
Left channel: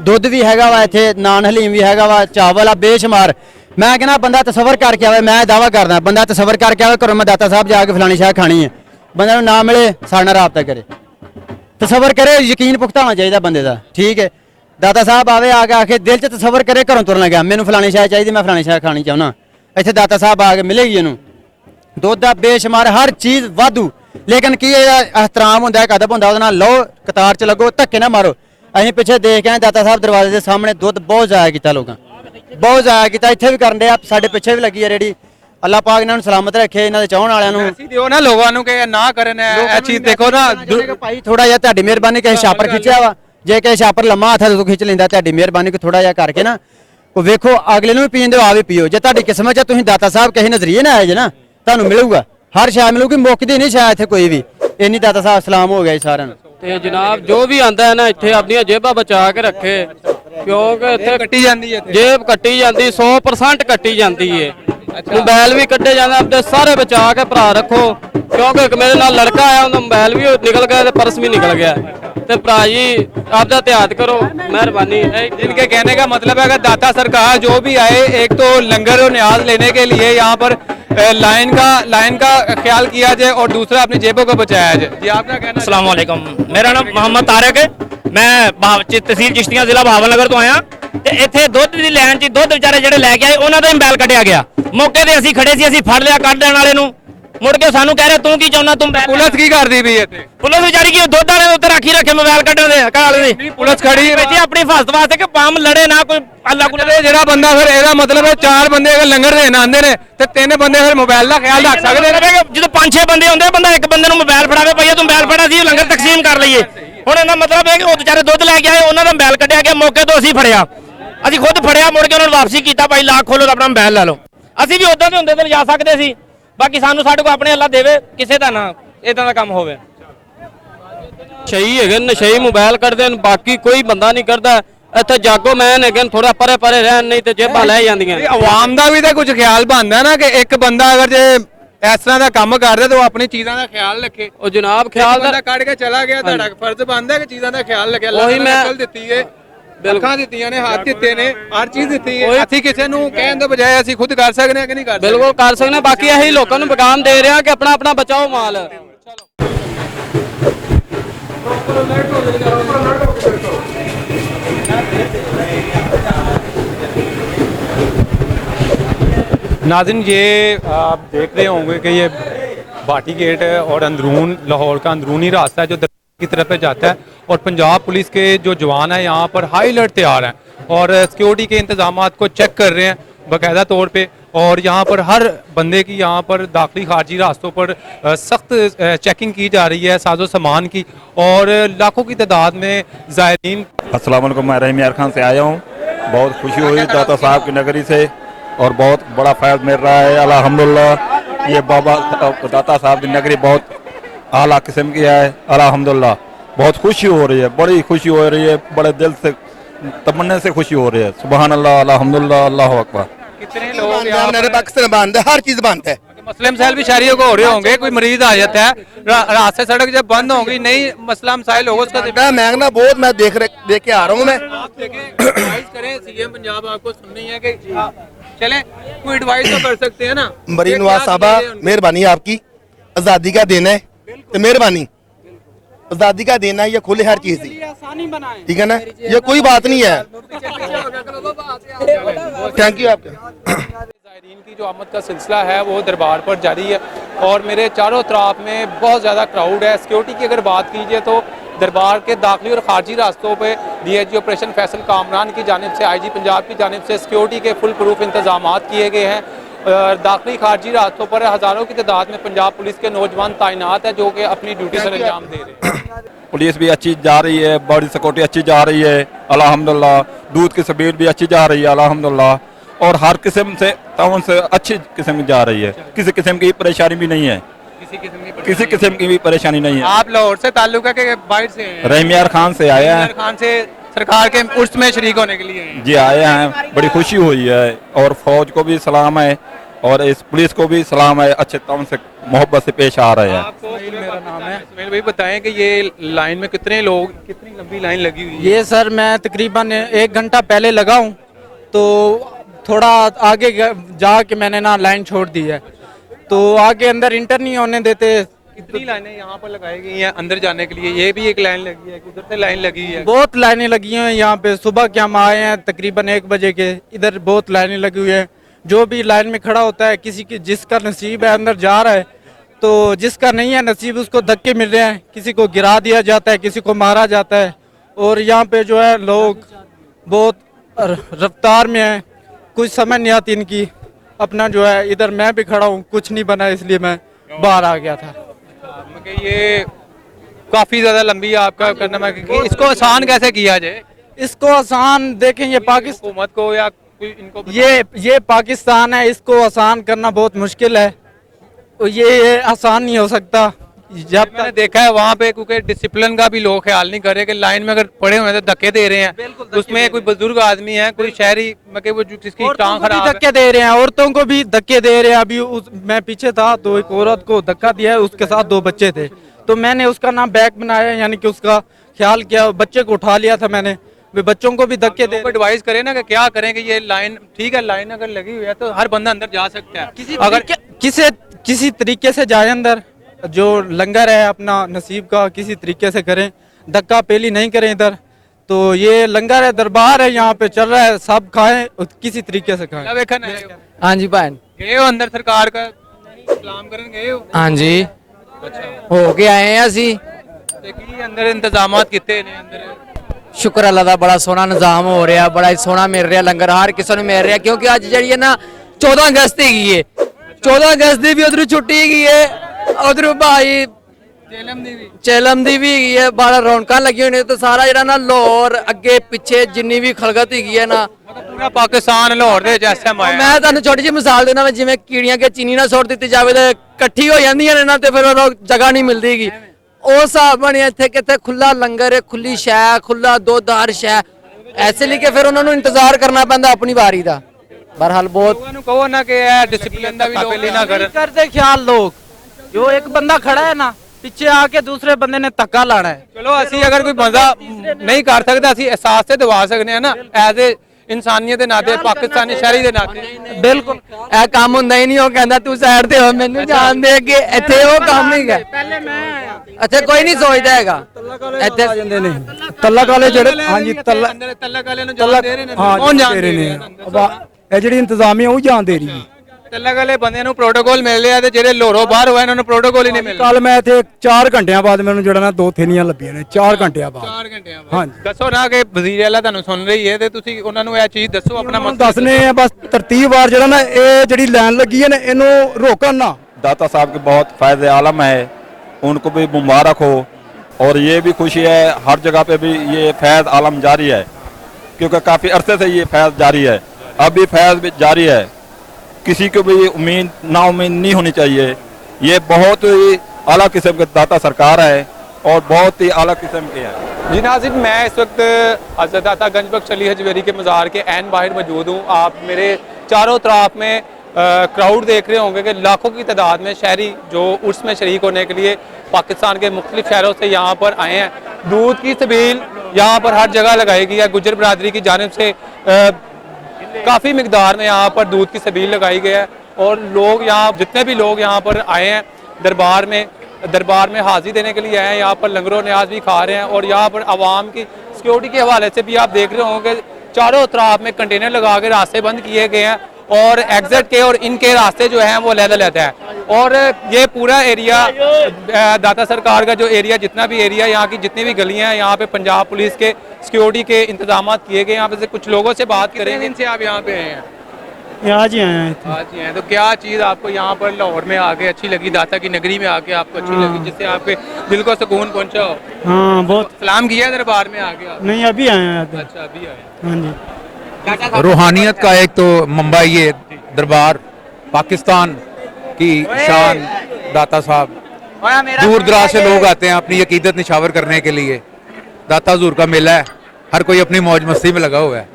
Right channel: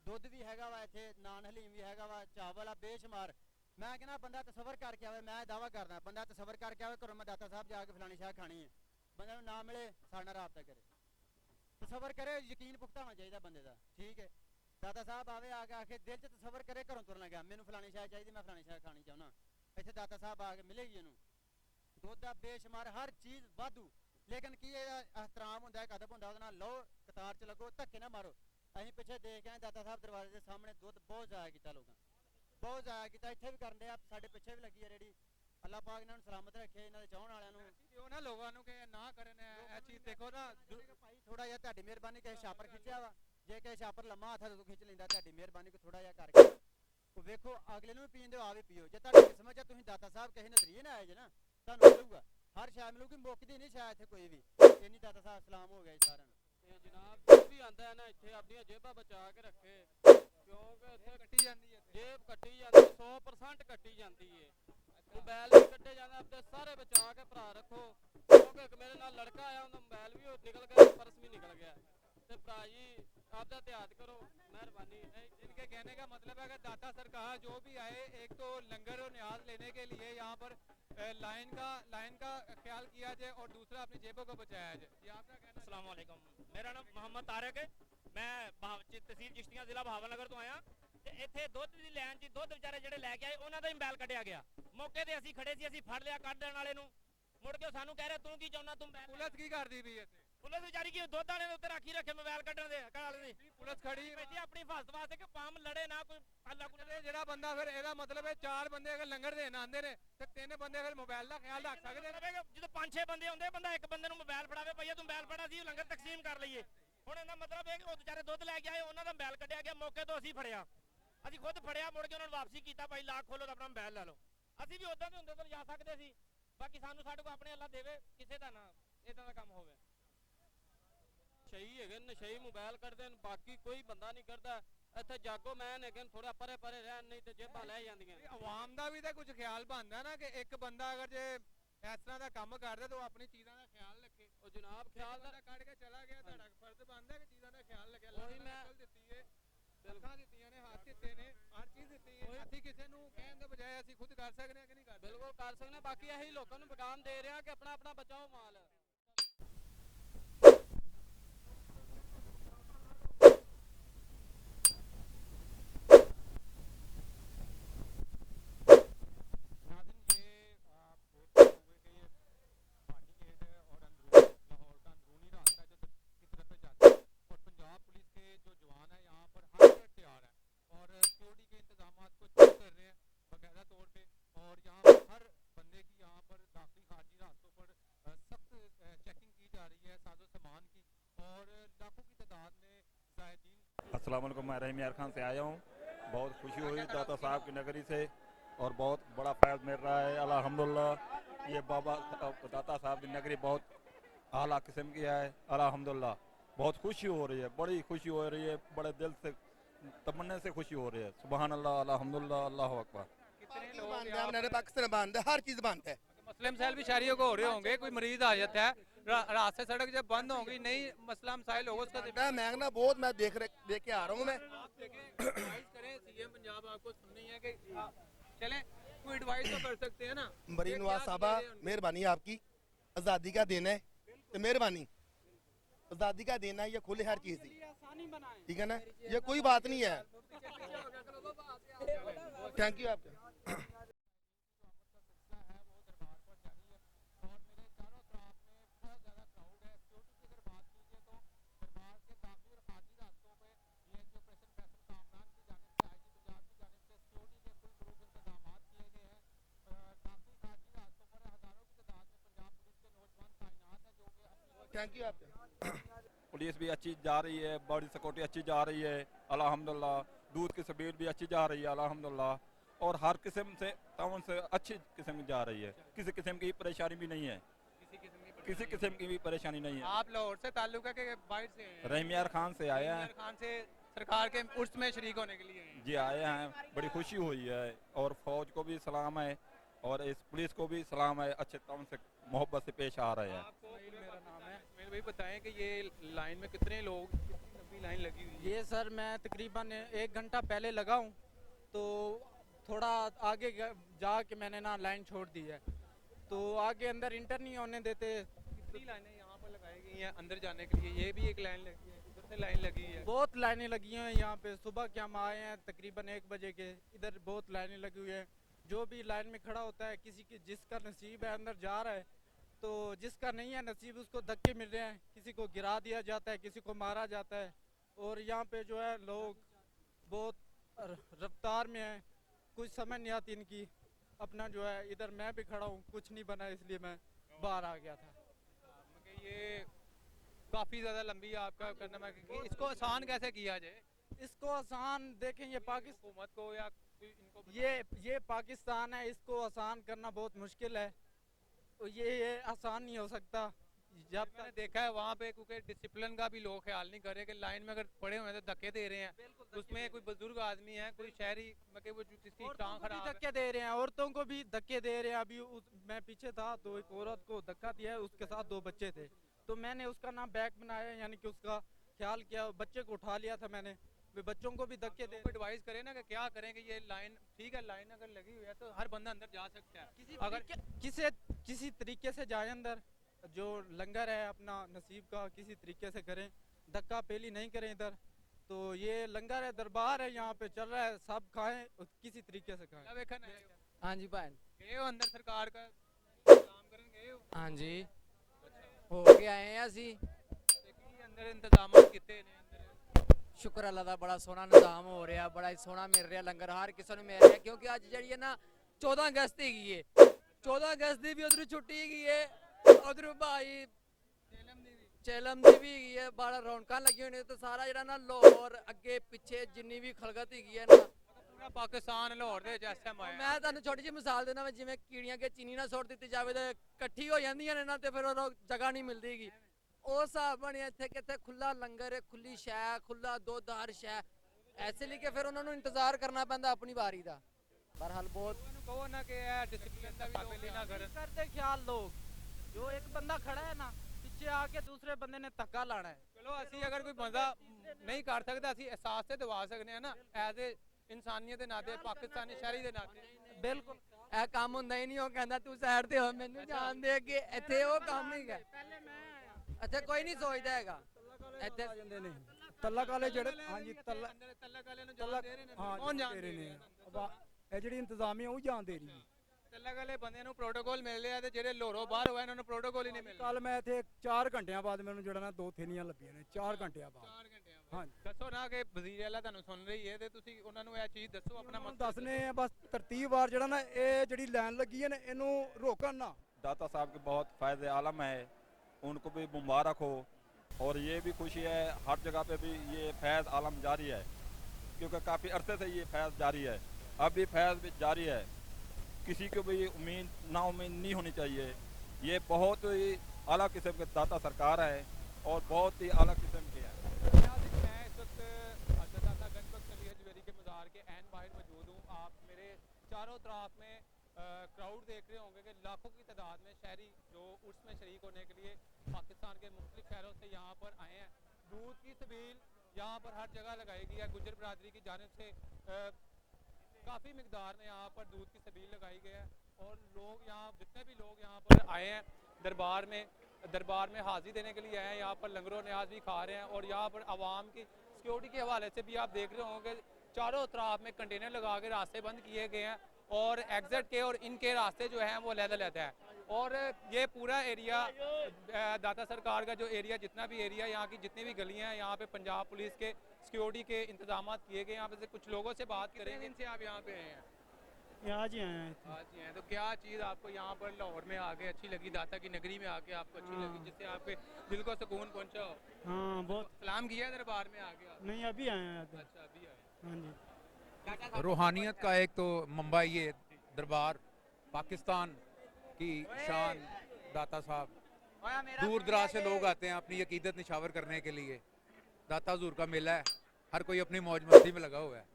ਦੁੱਧ ਵੀ ਹੈਗਾ ਵਾ ਇੱਥੇ, ਨਾਨ ਹਲੀਮ ਵੀ ਹੈਗਾ ਵਾ, ਚਾਵਲ ਆ ਬੇਸ਼ੁਮਾਰ। ਮੈਂ ਕਹਿੰਦਾ ਬੰਦਾ ਤਸਵਰ ਕਰਕੇ ਆਵੇ, ਮੈਂ ਦਾਵਾ ਕਰਦਾ ਬੰਦਾ ਤਸਵਰ ਕਰਕੇ ਆਵੇ ਘਰੋਂ ਮੈਂ ਦਾਤਾ ਸਾਹਿਬ ਜਾ ਕੇ ਫਲਾਣੀ ਸ਼ਾਹ ਖਾਣੀ ਹੈ, ਬੰਦੇ ਨੂੰ ਨਾ ਮਿਲੇ ਸਾਡੇ ਨਾਲ ਰਾਬਤਾ ਕਰੇ, ਤਸਵਰ ਕਰੇ, ਯਕੀਨ ਪੁਖਤਾ ਹੋਣਾ ਚਾਹੀਦਾ ਬੰਦੇ ਦਾ, ਠੀਕ ਹੈ। ਦਾਤਾ ਸਾਹਿਬ ਆਵੇ ਆ ਕੇ ਆਖੇ ਦਿਲ 'ਚ ਤਸਵਰ ਕਰੇ ਘਰੋਂ ਤੁਰਨ ਲੱਗਿਆ ਮੈਨੂੰ ਫਲਾਣੀ ਸ਼ਾਹ ਚਾਹੀਦੀ, ਮੈਂ ਫਲਾਣੀ ਸ਼ਾਹ ਖਾਣੀ ਚਾਹੁੰਦਾ, ਇੱਥੇ ਦਾਤਾ ਸਾਹਿਬ ਆ ਕੇ ਮਿਲੇਗੀ ਇਹਨੂੰ। ਦੁੱਧ ਦਾ ਬੇਸ਼ੁਮਾਰ ਹਰ ਚੀਜ਼ ਵਾਧੂ, ਲੇਕਿਨ ਕੀ ਇਹਤਰਾਮ ਹੁੰਦਾ, ਇੱਕ ਅਦਬ ਹੁੰਦਾ, ਉਹਦੇ ਨਾਲ ਲਓ, ਕਤਾਰ 'ਚ ਲੱਗੋ, ਧੱਕੇ ਨਾ ਮਾਰੋ। ਅਸੀਂ ਪਿੱਛੇ ਦੇਖ ਕੇ ਆਏ ਦਾਤਾ ਸਾਹਿਬ ਦਰਵਾਜ਼ੇ ਦੇ ਸਾਹਮਣੇ ਦੁੱਧ ਬਹੁਤ ਜ਼ਾਇਆ ਕੀਤਾ ਲੋਕਾਂ, ਬਹੁਤ ਜ਼ਾਇਆ ਕੀਤਾ। ਇੱਥੇ ਵੀ ਕਰਨ ਡਿਆ, ਸਾਡੇ ਪਿੱਛੇ ਵੀ ਲੱਗੀ ਹੈ ਰੇੜੀ। ਅੱਲਾਹ ਪਾਕ ਇਹਨਾਂ ਨੂੰ ਸਲਾਮਤ ਰੱਖੇ, ਇਹਨਾਂ ਦੇ ਚਾਹਣ ਵਾਲਿਆਂ ਨੂੰ। ਅਸੀਂ ਦਿਓ ਨਾ ਲੋਕਾਂ ਨੂੰ ਕਿ ਨਾ ਕਰਨ ਇਹ ਚੀਜ਼। ਦੇਖੋ ਨਾ ਭਾਈ ਥੋੜਾ ਜਿਹਾ ਤੁਹਾਡੀ ਮਿਹਰਬਾਨੀ, ਕਿਸੇ ਛਾਪਰ ਖਿੱਚਿਆ ਵਾ, ਜੇ ਕਿਸੇ ਛਾਪਰ ਲੰਮਾ ਹੱਥ ਤੋਂ ਖਿੱਚ ਲੈਂਦਾ, ਤੁਹਾਡੀ ਮਿਹਰਬਾਨੀ ਕਿ ਥੋੜਾ ਜਿਹਾ ਕਰਕੇ ਨਾ ਉਹ ਵੇਖੋ, ਅਗਲੇ ਨੂੰ ਵੀ ਪੀਣ ਦਿਓ, ਆ ਵੀ ਪੀਓ। ਜੇ ਤੁਹਾਡੀ ਕਿਸਮਤ 'ਚ ਤੁਸੀਂ ਦਾਤਾ ਸਾਹਿਬ ਕਿਸੇ ਨਜ਼ਰੀਏ ਨਾ ਆਏ ਜੇ ਨਾ, ਤੁਹਾਨੂੰ ਮਿਲੂਗਾ, ਹਰ ਸ਼ਾਇ ਮਿਲੂਗੀ, ਮੁੱਕਦੀ ਨਹੀਂ ਸ਼ਾਇਦ ਇੱਥੇ ਕੋਈ ਵੀ। ਇੰਨੀ ਦਾਤਾ ਸਾਹਿਬ ਸਲਾਮ ਹੋ ਗਿਆ ਜੀ ਸਾਰਿਆਂ ਨੂੰ। ਤੇ ਜਨਾਬ ਜੋ ਵੀ ਆਂਦਾ ਹੈ ਨਾ ਇੱਥੇ ਆਪਣੀਆਂ ਜੇਬਾਂ ਬਚਾ ਕੇ ਰੱਖੇ, ਕਿਉਂਕਿ ਇੱਥੇ ਕੱਟੀ ਜਾਂਦੀ ਹੈ, ਜੇਬ ਕੱਟੀ ਜਾਂਦੀ 100% ਕੱਟੀ ਜਾਂਦੀ ਏ। मोबाइल भी कटे जाते अपने सारे बचा के भरा रखो क्योंकि एक मेरे नाल लड़का आया उनका मोबाइल भी निकल गया ते पर्स भी निकल गया ते भरा जी आपदा एहतियात करो मेहरबानी। इनके कहने का मतलब है अगर दाता सरकार जो भी आए एक तो लंगर और न्याज लेने के लिए यहाँ पर लाइन का ख्याल किया जाए और दूसरा अपनी जेबों को बचाया जाए। जी आपका कहना। अस्सलाम वालेकुम, मेरा नाम मोहम्मद तारिक है, मैं तहसील चिश्तियां जिला भावनगर तो आया ਤੇ ਇੱਥੇ ਦੁੱਧ ਦੀ ਲੈਣ 'ਚ ਦੁੱਧ ਵਿਚਾਰੇ ਜਿਹੜੇ ਲੈ ਕੇ ਆਏ ਉਹਨਾਂ ਦਾ ਹੀ ਮੋਬਾਈਲ ਕੱਢਿਆ ਗਿਆ। ਮੌਕੇ ਤੇ ਅਸੀਂ ਖੜੇ ਸੀ, ਅਸੀਂ ਫੜ ਲਿਆ ਕੱਢ ਦੇਣ ਵਾਲੇ ਨੂੰ, ਮੁੜ ਕੇ ਸਾਨੂੰ ਕਹਿ ਰਿਹਾ ਤੂੰ ਕੀ ਚਾਹੁੰਦਾ ਤੂੰ ਪੁਲਿਸ ਕੀ ਕਰਦੀ ਪਈ ਇੱਥੇ? ਪੁਲਿਸ ਵਿਚਾਰੀ ਕੀ ਦੁੱਧ ਵਾਲੇ ਦੇ ਉੱਤੇ ਰਾਖੀ ਰੱਖੇ ਮੋਬਾਈਲ ਕੱਢਣ ਦੇ ਘਰ ਵਾਲੇ ਦੀ ਪੁਲਿਸ ਖੜੀ ਵਿੱਚ ਆਪਣੀ ਹਿਫਾਜ਼ਤ ਵਾਸਤੇ ਕਿ ਪਾਮ ਲੜੇ ਨਾ ਕੋਈ ਅੱਲਾ ਕੁਲ ਜਿਹੜਾ ਬੰਦਾ ਫਿਰ ਇਹਦਾ ਮਤਲਬ ਹੈ ਚਾਰ ਬੰਦੇ ਅਗਰ ਲੰਗਰ ਦੇਣ ਆਉਂਦੇ ਨੇ ਤੇ ਤਿੰਨ ਬੰਦੇ ਫਿਰ ਮੋਬਾਈਲ ਦਾ ਖਿਆਲ ਰੱਖ ਸਕਦੇ ਨੇ। ਜਦੋਂ 5-6 ਬੰਦੇ ਹੁੰਦੇ ਬੰਦਾ ਇੱਕ ਬੰਦੇ ਨੂੰ ਮੋਬਾਈਲ ਫੜਾਵੇ ਭਈਆ ਤੂੰ ਮੋਬਾਈਲ ਫੜਾ ਸੀ ਲੰਗਰ ਤਕਸੀਮ ਕਰ ਲਈਏ। ਹੁਣ ਇਹਦਾ ਮਤਲਬ ਹੈ ਕਿ ਉਹ ਵਿਚਾਰੇ ਦੁੱਧ ਲੈ ਕੇ ਆਏ ਉਹਨਾਂ ਦਾ ਮੋਬਾਈਲ ਕੱਢਿਆ ਗਿਆ, ਮੌਕੇ ਤੋਂ ਅਸੀਂ ਫੜਿਆ, ਅਸੀਂ ਖੁਦ ਫੜਿਆ, ਮੁੜ ਕੇ ਉਹਨਾਂ ਨੂੰ ਵਾਪਸੀ ਕੀਤਾ ਭਾਈ ਲਾਖ ਖੋਲੋ ਆਪਣਾ ਮੋਬਾਈਲ ਲੈ ਲਓ। ਅਸੀਂ ਵੀ ਉਦਾਂ ਦੇ ਹੁੰਦੇ ਤੇ ਲਿਜਾ ਸਕਦੇ ਸੀ, ਬਾਕੀ ਸਾਨੂੰ ਸਾਡੇ ਕੋਲ ਆਪਣੇ ਅੱਲਾ ਦੇਵੇ ਕਿਸੇ ਦਾ ਨਾ ਇਦਾਂ ਦਾ ਕੰਮ ਹੋਵੇ। ਨਸ਼ਈ ਹੈਗੇ ਨਸ਼ਈ ਮੋਬਾਈਲ ਕੱਢਦੇ ਨੇ, ਬਾਕੀ ਕੋਈ ਬੰਦਾ ਨਹੀਂ ਕਰਦਾ। ਇੱਥੇ ਜਾਗੋ ਮੈਨ ਹੈਗੇ ਥੋੜਾ ਪਰੇ ਪਰੇ ਰਹਿਣ ਨਹੀਂ ਤੇ ਜੇਬਾਂ ਲੈ ਜਾਂਦੀਆਂ। ਆਵਾਮ ਦਾ ਵੀ ਤਾਂ ਕੁਝ ਖਿਆਲ ਬਣਦਾ ਨਾ ਕਿ ਇੱਕ ਬੰਦਾ ਅਗਰ ਜੇ ਇਸ ਤਰ੍ਹਾਂ ਦਾ ਕੰਮ ਕਰਦਾ ਤਾਂ ਉਹ ਆਪਣੀ ਚੀਜ਼ਾਂ ਦਾ ਖਿਆਲ ਰੱਖੇ। ਉਹ ਜਨਾਬ ਖਿਆਲ ਦਾ ਕੱਢ ਕੇ ਚਲਾ ਗਿਆ, ਤੁਹਾਡਾ ਫਰਜ਼ ਬਣਦਾ ਕਿ ਚੀਜ਼ਾਂ ਦਾ ਖਿਆਲ ਰੱਖੇ। ਅੱਲਾਹ ਨੇ ਅਕਲ ਦਿੱਤੀ ਹੈ, ਅੱਖਾਂ ਦਿੱਤੀਆਂ ਨੇ, ਹੱਥ ਦਿੱਤੇ ਨੇ, ਹਰ ਚੀਜ਼ ਦਿੱਤੀ ਹੈ। ਅਸੀਂ ਕਿਸੇ ਨੂੰ ਕਹਿਣ ਤੋਂ ਬਜਾਏ ਅਸੀਂ ਖੁਦ ਕਰ ਸਕਦੇ ਹਾਂ ਕਿ ਨਹੀਂ ਕਰ ਸਕਦੇ? ਬਿਲਕੁਲ ਕਰ ਸਕਦੇ ਹਾਂ। ਬਾਕੀ ਅਸੀਂ ਲੋਕਾਂ ਨੂੰ ਪੈਗਾਮ ਦੇ ਰਹੇ ਹਾਂ ਕਿ ਆਪਣਾ ਆਪਣਾ ਬਚਾਓ ਮਾਲ। नाज़रीन ये आप देख रहे होंगे कि ये भाटी गेट है और अंदरून लाहौर का अंदरूनी रास्ता है जो की तरफ जाता है और पंजाब पुलिस के जो जवान हैं यहाँ पर हाई अलर्ट तैयार हैं और सिक्योरिटी के इंतजाम को चेक कर रहे हैं बाकायदा तौर पे। और यहाँ पर हर बंदे की यहाँ पर दाखिली खारजी रास्तों पर सख्त चेकिंग की जा रही है साजो सामान की और लाखों की तादाद में ज़ायरीन। अस्सलाम वालेकुम, मैं रहीम यार खान से आया हूँ। बहुत खुशी हुई दाता साहब की नगरी से और बहुत बड़ा फैज़ मिल रहा है अल्हम्दुलिल्लाह। ये बाबा दाता साहब की नगरी बहुत आला किस्म की है अल्हम्दुलिल्लाह। बहुत खुशी हो रही है, बड़ी खुशी हो रही है, बड़े दिल से तमन्ने से खुशी हो रही है। सुबहान अल्लाह अल्हम्दुलिल्लाह अल्लाह अकबर। कितने लोग बंद है, हर चीज बंद है। मसले मसाइल भी शहरियों को हो रहे होंगे, कोई मरीज आ जाता है रास्ते सड़क जब बंद होगी नहीं मसला मसाइल होगा उसका महंगा बहुत, मैं देख के आ रहा हूँ। मैं आप देखें एडवाइस करें, सीएम पंजाब आपको सुननी है कि चले कोई एडवाइस तो कर सकते हैं ना। मरीन नवाज साहबा मेहरबानी आपकी, आज़ादी का दिन है तो मेहरबानी, आज़ादी का दिन है, ये खुले हर चीज दी, ठीक है ना, ये कोई बात नहीं है। थैंक यू आपका। ज़ायरीन की जो आमद का सिलसिला है वो दरबार पर जारी है और मेरे चारों तरफ में बहुत ज़्यादा क्राउड है। सिक्योरिटी की अगर बात कीजिए तो दरबार के दाखिली और खारजी रास्तों पे डीआईजी ऑपरेशन फैसल कामरान की जानिब से आईजी पंजाब की जानिब से सिक्योरिटी के फुल प्रूफ इंतजाम किए गए हैं। दाखिली खारजी रास्तों पर हज़ारों की तादाद में पंजाब पुलिस के नौजवान तैनात है जो कि अपनी ड्यूटी सर अंजाम दे रहे हैं। पुलिस भी अच्छी जा रही है, बड़ी सिक्योरिटी अच्छी जा रही है अल्हम्दुलिल्लाह। दूध की स्पीड भी अच्छी जा रही है अल्हम्दुलिल्लाह और हर किस्म से टाउन से अच्छी किस्म की जा रही है। किसी किस्म की परेशानी भी नहीं है, किसी किस्म की भी परेशानी नहीं है। आप लाहौर से ताल्लुक है कि बाहर से हैं? रहीम यार खान से आए हैं। खान से सरकार के उर्स में शरीक होने के लिए जी आए हैं, बड़ी खुशी हुई है और फौज को भी सलाम है और इस पुलिस को भी सलाम है, अच्छे ताउन से मोहब्बत से पेश आ रहे हैं। मेरा नाम है इसमाइल भाई, बताएं कि ये लाइन में कितने लोग, कितनी लंबी लाइन लगी हुई है? ये सर मैं तकरीबन 1 घंटा पहले लगा हूँ तो थोड़ा आगे जाके मैंने ना लाइन छोड़ दी है तो आगे अंदर इंटर नहीं होने देते। कितनी लाइनें यहाँ पर लगाई गई हैं अंदर जाने के लिए? ये भी एक लाइन लगी है, उधर से लाइन लगी है। बहुत लाइनें लगी हुई हैं यहाँ पे, सुबह के हम आए हैं तकरीबन 1 बजे के, इधर बहुत लाइनें लगी हुई हैं। जो भी लाइन में खड़ा होता है किसी की जिसका नसीब है अंदर जा रहा है तो जिसका नहीं है नसीब उसको धक्के मिल रहे हैं, किसी को गिरा दिया जाता है, किसी को मारा जाता है। और यहाँ पे जो है लोग बहुत रफ्तार में हैं, कुछ समझ नहीं आती इनकी। अपना जो है इधर मैं भी खड़ा हूँ, कुछ नहीं बना इसलिए मैं बाहर आ गया था। ये काफ़ी ज़्यादा लंबी आपका करना है कि इसको आसान कैसे किया जाए? इसको आसान देखें, ये पाकिस्तान हुकूमत को या कोई इनको ये पाकिस्तान है, इसको आसान करना बहुत मुश्किल है। ये आसान नहीं हो सकता जब मैंने देखा है वहाँ पे, क्योंकि डिसिप्लिन का भी लोग ख्याल नहीं कर रहे कि लाइन में अगर पड़े हुए हैं तो धक्के दे रहे हैं, उसमें कोई बुजुर्ग आदमी है, कोई शहरी मतलब वो जिसकी टांग खराब है। धक्के दे रहे हैं, औरतों को भी धक्के दे रहे हैं। अभी मैं पीछे था तो एक औरत को धक्का दिया है, उसके साथ 2 बच्चे थे, तो मैंने उसका नाम बैग बनाया, यानी कि उसका ख्याल किया, बच्चे को उठा लिया था मैंने। वे बच्चों को भी धक्के दे, एडवाइस करें ना कि क्या करें कि ये लाइन ठीक है, लाइन अगर लगी हुई है तो हर बंदा अंदर जा सकता है, अगर किसी तरीके से जाए अंदर, जो लंगर है अपना नसीब का किसी तरीके से करें, धक्का पेली नहीं करें इधर। तो ये लंगर है, दरबार है, यहाँ पे चल रहा है, सब खाएं किसी तरीके से खाएं। हाँ जी भैन, गए हो अंदर सरकार का सलाम करने गए हो? हाँ जी, अच्छा, हो के आए हैं ਅਸੀਂ। देखिए अंदर इंतजाम कितने ने अंदर? ਸ਼ੁਕਰ ਅੱਲਾ ਦਾ, ਬੜਾ ਸੋਹਣਾ ਨਿਜ਼ਾਮ ਹੋ ਰਿਹਾ, ਬੜਾ ਹੀ ਸੋਹਣਾ ਮਿਲ ਰਿਹਾ ਲੰਗਰ, ਹਰ ਕਿਸੇ ਨੂੰ ਮਿਲ ਰਿਹਾ, ਕਿਉਂਕਿ ਅੱਜ ਜਿਹੜੀ ਹੈ ਨਾ 14 ਅਗਸਤ ਹੈਗੀ ਏ, 14 ਅਗਸਤ ਦੀ ਵੀ ਉਧਰੋਂ ਛੁੱਟੀ ਹੈਗੀ ਏ, ਉਧਰੋਂ ਭਾਈ ਚੇਲਮ ਦੀ ਵੀ ਹੈਗੀ ਹੈ, ਬੜਾ ਰੌਣਕਾਂ ਲੱਗੀਆਂ ਹੋਈਆਂ ਨੇ। ਤੇ ਸਾਰਾ ਜਿਹੜਾ ਨਾ ਲਾਹੌਰ ਅੱਗੇ ਪਿੱਛੇ ਜਿੰਨੀ ਵੀ ਖਲਕਤ ਹੈਗੀ ਹੈ ਨਾ, ਪੂਰਾ ਪਾਕਿਸਤਾਨ ਲਾਹੌਰ ਦੇ ਜੈਸਾ ਮਾਇਆ। ਮੈਂ ਤੁਹਾਨੂੰ ਛੋਟੀ ਜਿਹੀ ਮਿਸਾਲ ਦੇਣਾ, ਜਿਵੇਂ ਕੀੜੀਆਂ ਕੇ ਚੀਨੀ ਨਾਲ ਸੁੱਟ ਦਿੱਤੀ ਜਾਵੇ ਤੇ ਇਕੱਠੀ ਹੋ ਜਾਂਦੀਆਂ ਨੇ ਨਾ, ਤੇ ਫਿਰ ਉਹ ਜਗ੍ਹਾ ਨਹੀਂ ਮਿਲਦੀ ਹੈਗੀ। ਉਹ ਹਿਸਾਬ ਬਣਿਆ ਇੱਥੇ, ਕਿਤੇ ਖੁੱਲਾ ਲੰਗਰ ਹੈ, ਖੁੱਲੀ ਸ਼ੈ, ਖੁੱਲਾ ਦੁੱਧ, ਹਰ ਸ਼ੈ, ਐਸੇ ਲਈ ਕਿ ਫਿਰ ਉਹਨਾਂ ਨੂੰ ਇੰਤਜ਼ਾਰ ਕਰਨਾ ਪੈਂਦਾ ਆਪਣੀ ਵਾਰੀ ਦਾ। ਬਹਰਹਾਲ ਬਹੁਤ ਕਹੋ ਨਾ ਕਿ ਇਹ ਡਿਸਪਲਿਨ ਦਾ ਵੀ ਲੋਕ ਨਾ ਕਰਨ, करते ख्याल लोग, जो एक बंदा खड़ा है ना, पीछे आके दूसरे बंदे ने धक्का लाना है। ਚਲੋ ਅਸੀਂ ਅਗਰ ਕੋਈ ਮਜ਼ਾ ਨਹੀਂ ਕਰ ਸਕਦਾ, ਅਸੀਂ ਅਹਿਸਾਸ ਤੇ ਦਿਵਾ ਸਕਦੇ ਹਾਂ ਨਾ, ਐਜ਼ ਏ ਇਨਸਾਨੀਅਤ ਦੇ ਨਾਤੇ, ਪਾਕਿਸਤਾਨੀ ਸ਼ਹਿਰੀ ਦੇ ਨਾਤੇ। ਬਿਲਕੁਲ ਇਹ ਕੰਮ ਹੁੰਦਾ ਹੀ ਨਹੀਂ। ਉਹ ਕਹਿੰਦਾ ਤੂੰ ਸਾਈਡ ਤੇ ਹੋ, ਮੈਨੂੰ ਜਾਣਦੇ ਕਿ ਇੱਥੇ ਉਹ ਕੰਮ ਨਹੀਂ ਹੈ। पहले मैं आया, ਇੱਥੇ ਕੋਈ ਨਹੀਂ ਸੋਚਦਾ ਹੈਗਾ। ਇੱਥੇ ਆ ਜਾਂਦੇ ਨੇ ਤਲਕ ਵਾਲੇ ਜਿਹੜੇ, ਹਾਂਜੀ ਤਲਕ ਤਲਕ ਵਾਲਿਆਂ ਨੂੰ ਜਾਣ ਦੇ ਰਹੇ ਨੇ, ਹਾਂ ਕੌਣ ਦੇ ਜਾਣ ਰਹੇ ਨੇ, ਇਹ ਜਿਹੜੀ ਇੰਤਜ਼ਾਮੀਆ ਉਹ ਜਾਣ ਦੇ ਰਹੀ ਹੈ। ਤਲਕ ਵਾਲੇ ਬੰਦੇ ਨੂੰ ਪ੍ਰੋਟੋਕੋਲ ਮਿਲ ਰਿਹਾ ਤੇ ਜਿਹੜੇ ਲੋਰੋ ਬਾਹਰ ਹੋਏ ਇਹਨਾਂ ਨੂੰ ਪ੍ਰੋਟੋਕੋਲ ਹੀ ਨਹੀਂ ਮਿਲ ਰਿਹਾ। ਕੱਲ ਮੈਂ ਇੱਥੇ 4 ਘੰਟਿਆਂ ਬਾਅਦ ਮੈਨੂੰ ਜਿਹੜਾ ਨਾ 2 ਥੇਲੀਆਂ ਲੱਭੀਆਂ ਨੇ, 4 ਘੰਟਿਆਂ ਬਾਅਦ। 4 ਘੰਟਿਆਂ ਬਾਅਦ ਹਾਂਜੀ, ਦੱਸੋ ਨਾ ਕਿ ਵਜ਼ੀਰ ਆਲਾ ਤੁਹਾਨੂੰ ਸੁਣ ਰਹੀ ਹੈ ਤੇ ਤੁਸੀਂ ਉਹਨਾਂ ਨੂੰ ਇਹ ਚੀਜ਼ ਦੱਸੋ, ਆਪਣਾ ਹੁਣ ਮਸਲਾ ਦੱਸਨੇ ਆ ਬਸ ਤਰਤੀਬਵਾਰ ਜਿਹੜਾ ਨਾ ਇਹ ਜਿਹੜੀ ਲਾਈਨ ਲੱਗੀ ਹੈ ਨਾ ਇਹਨੂੰ ਰੋਕਣ ਨਾ। दाता साहब के बहुत फ़ायदे आलम है, उनको भी मुबारक हो। और ये भी खुशी है हर जगह पे भी ये फैज़ आलम जारी है, क्योंकि काफ़ी अरसे से ये फैज़ जारी है, अब भी फैज़ भी जारी है। किसी को भी उम्मीद नाउम्मीद नहीं होनी चाहिए। ये बहुत ही आला किस्म के दाता सरकार है और बहुत ही आला किस्म के हैं। जी नाज़रीन, मैं इस वक्त हज़रत दाता गंज बख्श अली हजवेरी के मज़ार के ऐन बाहर मौजूद हूँ। आप मेरे चारों तरफ में क्राउड देख रहे होंगे कि लाखों की तादाद में शहरी जो उर्स में शरीक होने के लिए पाकिस्तान के मुख्तलिफ शहरों से यहाँ पर आए हैं। दूध की सबील यहाँ पर हर जगह लगाई गई है। गुज्जर बरादरी की जानिब से काफ़ी मिकदार में यहाँ पर दूध की सबील लगाई गई है और लोग यहाँ, जितने भी लोग यहाँ पर आए हैं दरबार में हाजिरी देने के लिए आए हैं, यहाँ पर लंगरों न्याज भी खा रहे हैं। और यहाँ पर आवाम की सिक्योरिटी के हवाले से भी आप देख रहे होंगे चारों तरफ में कंटेनर लगा के रास्ते बंद किए गए हैं और एग्जिट के और इनके रास्ते जो हैं वो अलग-अलग है। और ये पूरा एरिया दाता सरकार का जो एरिया, जितना भी एरिया, यहाँ की जितनी भी गलियाँ हैं, यहाँ पे पंजाब पुलिस के सिक्योरिटी के इंतजाम किए गए। यहाँ पे से कुछ लोगों से बात करेंगे। इनसे आप यहाँ पे आए हैं? आज ही आए हैं। आज ही हैं। तो क्या चीज़ आपको यहाँ पर लाहौर में आके अच्छी लगी, दाता की नगरी में आके आपको अच्छी लगी, जिससे आपके दिल को सुकून पहुँचा हो? हाँ, बहुत। सलाम किया दरबार में आके आप? नहीं, अभी आए हैं। अच्छा, अभी आए। हाँ जी। रूहानियत का एक तो मुंबई ये दरबार, पाकिस्तान की शान दाता साहब, दूर दराज से लोग आते हैं अपनी अकीदत निछावर करने के लिए। दाता हजूर का मेला है, हर कोई अपनी मौज मस्ती में लगा हुआ है।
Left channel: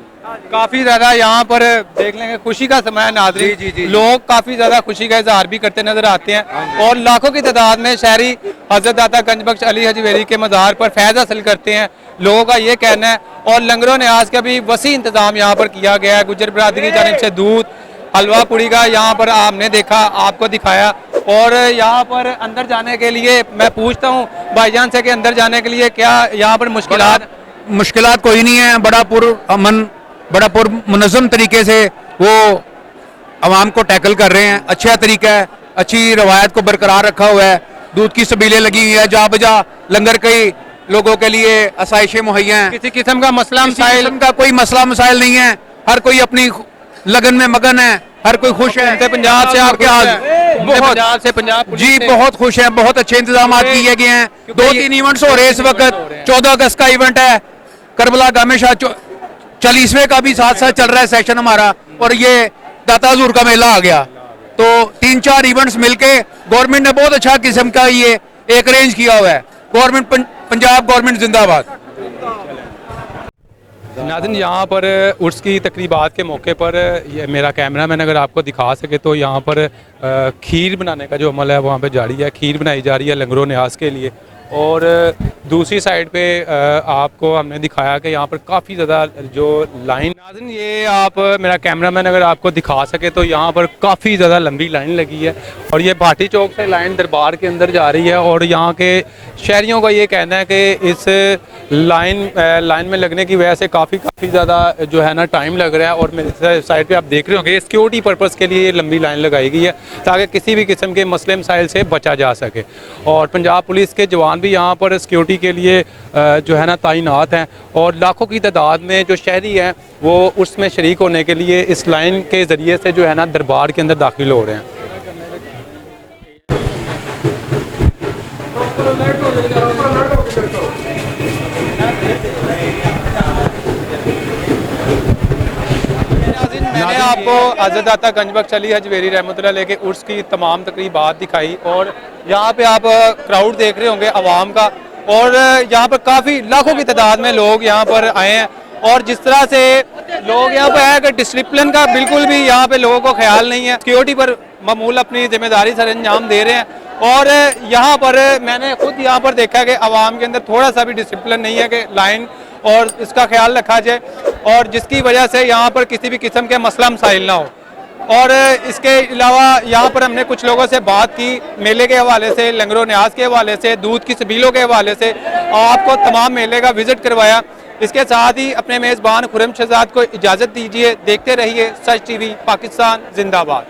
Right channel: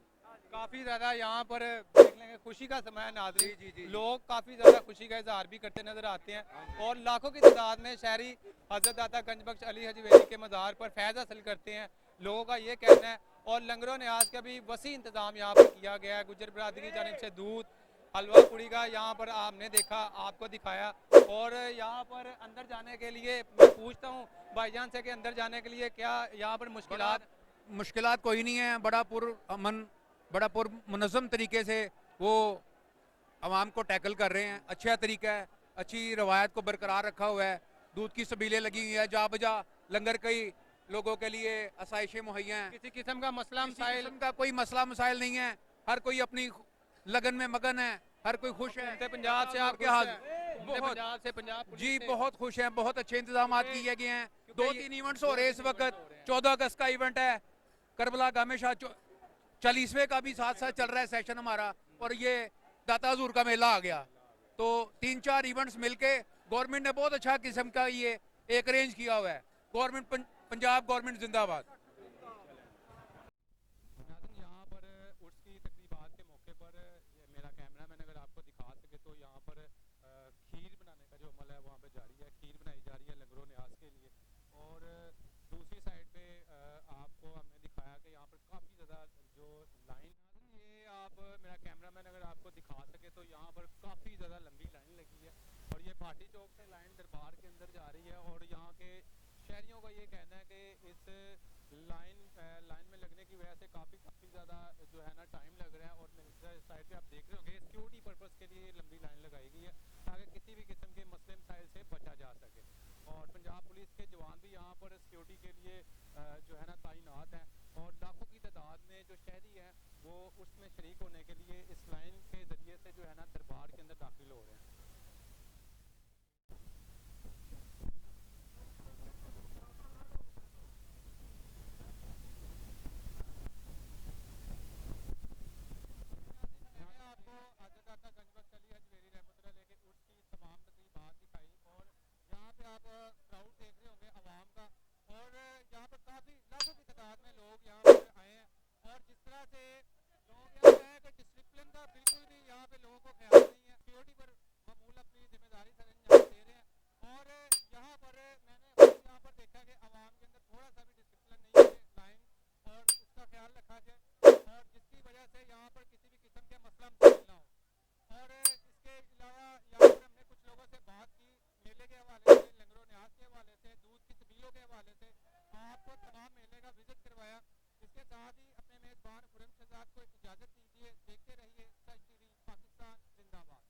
काफी ज्यादा यहाँ पर देख लेंगे खुशी का समय है नाज़रीन। जी। लोग काफी ज्यादा खुशी का इजहार भी करते नजर आते हैं और लाखों की तादाद में शहरी हजरत दाता गंज बख्श अली हजवेरी के मज़ार पर फैज़ हासिल करते हैं, लोगों का ये कहना है। और लंगरों ने आज का भी वसी इंतजाम यहाँ पर किया गया है। गुज्जर बरादरी की जानिब से दूध, हलवा पूड़ी का यहाँ पर हमने देखा, आपको दिखाया। और यहाँ पर अंदर जाने के लिए मैं पूछता हूँ भाईजान से कि अंदर जाने के लिए क्या यहाँ पर मुश्किलात कोई नहीं है। बड़ा मुनज़्ज़म तरीके से वो आवाम को टैकल कर रहे हैं। अच्छा तरीका है, अच्छी रवायत को बरकरार रखा हुआ है। दूध की सबीलें लगी हुई है, जहाँ बजा लंगर कई लोगों के लिए आसाइशें मुहैया हैं। किसी किस्म का मसला मसाइल का कोई मसला मसाइल नहीं है। हर कोई अपनी लगन में मगन है, हर कोई खुश है। पंजाब से आपके पंजाब से पंजाब जी बहुत खुश है। बहुत अच्छे इंतजाम किए गए हैं। 2-3 इवेंट्स हो रहे हैं इस वक्त। 14 अगस्त का इवेंट है, करबला गामे शाह 40वें का भी साथ साथ चल रहा है सेशन हमारा, और ये दाता हजूर का मेला आ गया। तो 3-4 इवेंट्स मिलके गवर्नमेंट ने बहुत अच्छा किस्म का ये एक अरेंज किया हुआ है। गवर्नमेंट पंजाब गवर्नमेंट जिंदाबाद। नाज़रीन, यहाँ पर उर्स की तकरीबात के मौके पर ये मेरा कैमरामैन अगर आपको दिखा सके तो यहाँ पर खीर बनाने का जो अमल है वहाँ पे जारी है। खीर बनाई जा रही है लंगरों न्याज के लिए। और दूसरी साइड पे आपको हमने दिखाया कि यहाँ पर काफ़ी ज़्यादा जो लाइन, नाज़रीन ये आप मेरा कैमरामैन अगर आपको दिखा सके तो यहाँ पर काफ़ी ज़्यादा लंबी लाइन लगी है और ये भाटी चौक से लाइन दरबार के अंदर जा रही है। और यहाँ के शहरियों का ये कहना है कि इस लाइन में लगने की वजह से काफ़ी ज़्यादा जो है ना टाइम लग रहा है। और मेरे साइड पे आप देख रहे होंगे सिक्योरिटी पर्पज़ के लिए ये लंबी लाइन लगाई गई है ताकि किसी भी किस्म के मसले मसाइल से बचा जा सके। और पंजाब पुलिस के जवान भी यहाँ पर सिक्योरिटी के लिए जो है ना तैनात हैं और लाखों की तादाद में जो शहरी हैं वो उसमें शरीक होने के लिए इस लाइन के ज़रिए से जो है ना दरबार के अंदर दाखिल हो रहे हैं। मैंने आपको हज़रत दाता गंजबख्श अली हजवेरी रहमतुल्लाह अलैह के उर्स की तमाम तकरीबात दिखाई और यहाँ पे आप क्राउड देख रहे होंगे आवाम का। और यहाँ पर काफ़ी लाखों की तादाद में लोग यहाँ पर आए हैं और जिस तरह से लोग यहाँ पर आए कि डिसिप्लिन का बिल्कुल भी यहाँ पे लोगों को ख्याल नहीं है। सिक्योरिटी पर मामूल अपनी जिम्मेदारी सर अंजाम दे रहे हैं। और यहाँ पर मैंने खुद यहाँ पर देखा कि आवाम के अंदर थोड़ा सा भी डिसिप्लिन नहीं है कि लाइन और इसका ख्याल रखा जाए और जिसकी वजह से यहाँ पर किसी भी किस्म के मसला मसाइल ना हो। और इसके अलावा यहाँ पर हमने कुछ लोगों से बात की मेले के हवाले से, लंगरों न्याज के हवाले से, दूध की सबीलों के हवाले से, आपको तमाम मेले का विजिट करवाया। इसके साथ ही अपने मेज़बान खुर्रम शहजाद को इजाज़त दीजिए। देखते रहिए सच टीवी, पाकिस्तान जिंदाबाद।